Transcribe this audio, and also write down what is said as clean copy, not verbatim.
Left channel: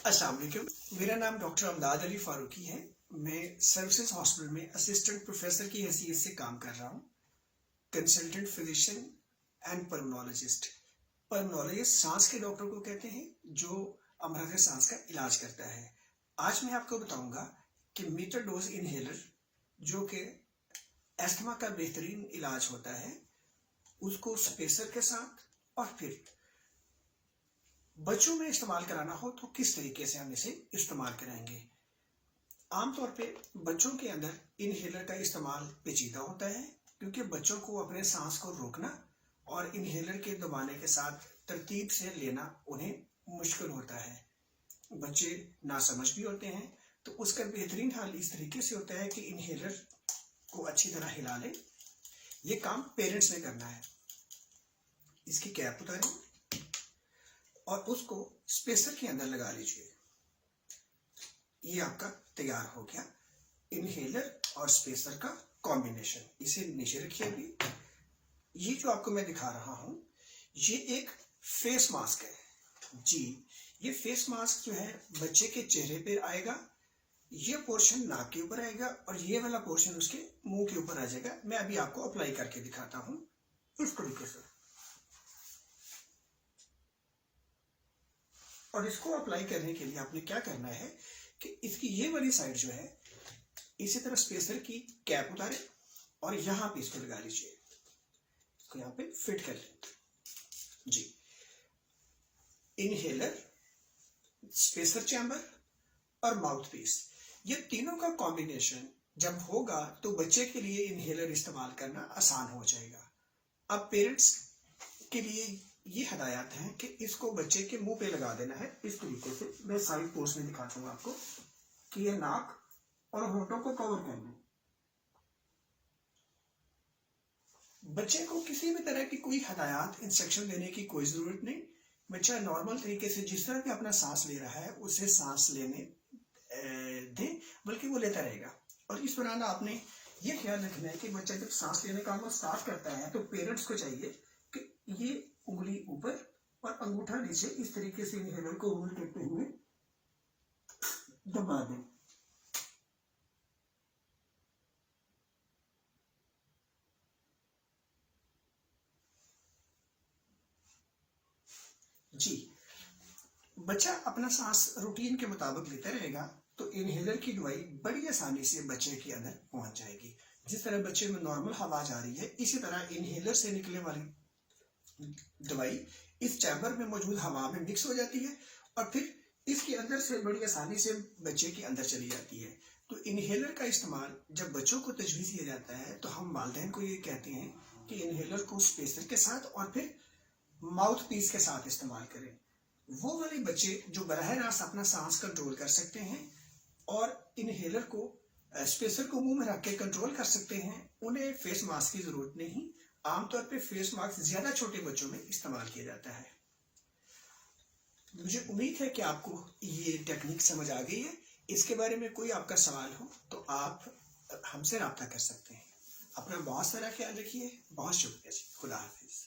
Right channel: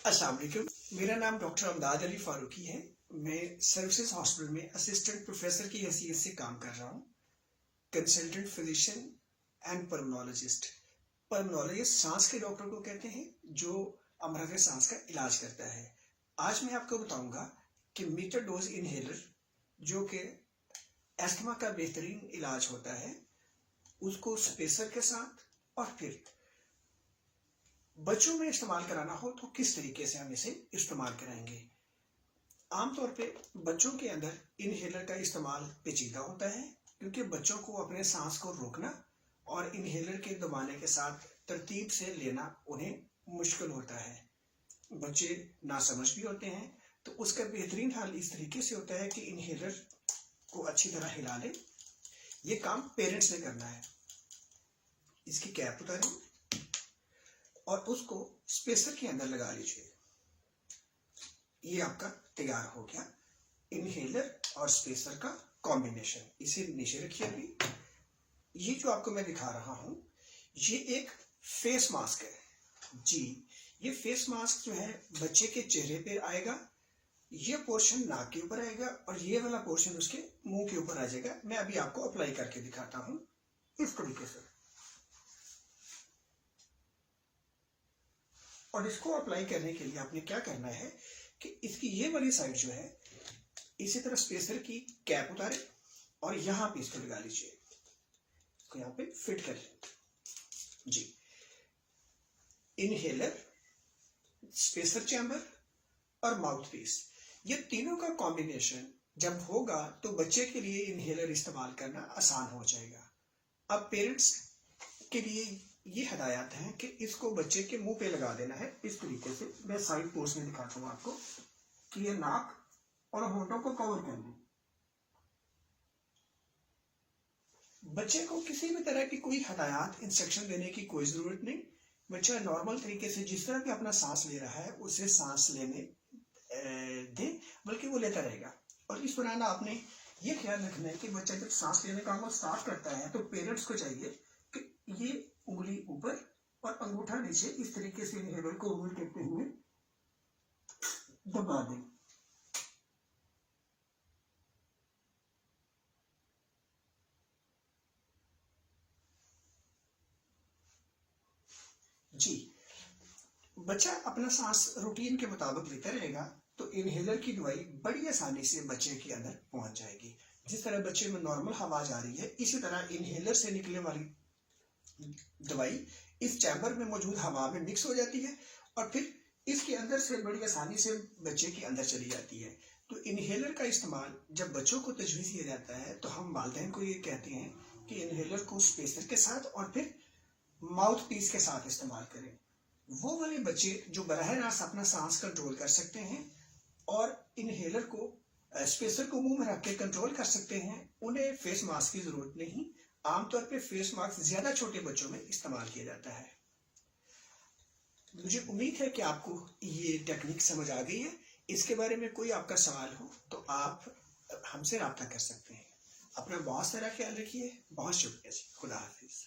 अस्सलाम वालेकुम। मेरा नाम डॉक्टर अमदाद अली फारूकी है। मैं सर्विसेज हॉस्पिटल में असिस्टेंट प्रोफेसर की हैसियत से काम कर रहा हूँ। Consultant physician and pulmonologist. Pulmonologist सांस के डॉक्टर को कहते हैं जो अमराज सांस का इलाज करता है। आज मैं आपको बताऊंगा कि मीटर डोज इनहेलर जो कि एस्थमा का बेहतरीन इलाज होता है, उसको स्पेसर के साथ और फिर बच्चों में इस्तेमाल कराना हो तो किस तरीके से हम इसे इस्तेमाल कराएंगे। आमतौर पे बच्चों के अंदर इनहेलर का इस्तेमाल पेचीदा होता है, क्योंकि बच्चों को अपने सांस को रोकना और इनहेलर के दबाने के साथ तरतीब से लेना उन्हें मुश्किल होता है। बच्चे नासमझ भी होते हैं, तो उसका बेहतरीन हल इस तरीके से होता है कि इनहेलर को अच्छी तरह हिला लें। ये काम पेरेंट्स ने करना है। इसकी कैप उतारें और उसको स्पेसर के अंदर लगा लीजिए। ये आपका तैयार हो गया इनहेलर और स्पेसर का कॉम्बिनेशन। इसे नीचे रखिए। अभी ये जो आपको मैं दिखा रहा हूं, ये एक फेस मास्क है जी। ये फेस मास्क जो है बच्चे के चेहरे पर आएगा, ये पोर्शन नाक के ऊपर आएगा और ये वाला पोर्शन उसके मुंह के ऊपर आ जाएगा। मैं अभी आपको अप्लाई करके दिखाता हूं इस तरीके से। और इसको अप्लाई करने के लिए आपने क्या करना है कि इसकी ये वाली साइड जो है, इसी तरह स्पेसर की कैप उतारें और यहां पे इसको लगा लीजिए। इसको यहां पे फिट कर लें जी। इनहेलर, स्पेसर चैम्बर और माउथ पीस, ये तीनों का कॉम्बिनेशन जब होगा तो बच्चे के लिए इनहेलर इस्तेमाल करना आसान हो जाएगा। अब पेरेंट्स के लिए ये हदायत है कि इसको बच्चे के मुंह पे लगा देना है इस तरीके से। मैं साइड पोर्स में दिखाता हूं आपको कि ये नाक और होंठों को कवर कर लें। बच्चे को किसी भी तरह की कोई हदायत, इंस्ट्रक्शन देने की कोई जरूरत नहीं। बच्चा नॉर्मल तरीके से जिस तरह भी अपना सांस ले रहा है उसे सांस लेने दें, बल्कि वो लेता रहेगा। और इस दौरान आपने ये ख्याल रखना है कि बच्चा जब सांस लेने का वो स्टार्ट करता है तो पेरेंट्स को चाहिए कि ये उंगली ऊपर और अंगूठा नीचे इस तरीके से इनहेलर को होल्ड करते हुए दबा दें। जी, बच्चा अपना सांस रूटीन के मुताबिक लेता रहेगा तो इनहेलर की दवाई बड़ी आसानी से बच्चे के अंदर पहुंच जाएगी। जिस तरह बच्चे में नॉर्मल हवा जा रही है, इसी तरह इनहेलर से निकलने वाली दवाई इस चैम्बर में मौजूद हवा में मिक्स हो जाती है और फिर इसके अंदर से बड़ी आसानी से बच्चे के अंदर चली जाती है। तो इनहेलर का इस्तेमाल जब बच्चों को तजवीज़ किया जाता है तो हम वालिदैन को ये कहते हैं कि इनहेलर को स्पेसर के साथ और फिर माउथ पीस के साथ इस्तेमाल करें। वो वाले बच्चे जो बराह रास्त अपना सांस कंट्रोल कर सकते हैं और इनहेलर को स्पेसर को मुंह में रख के कंट्रोल कर सकते हैं, उन्हें फेस मास्क की जरूरत नहीं। आमतौर पे फेस मास्क ज्यादा छोटे बच्चों में इस्तेमाल किया जाता है। मुझे उम्मीद है कि आपको ये टेक्निक समझ आ गई है। इसके बारे में कोई आपका सवाल हो तो आप हमसे राब्ता कर सकते हैं। अपना बहुत सारा ख्याल रखिए। बहुत शुक्रिया जी। खुदा हाफिज।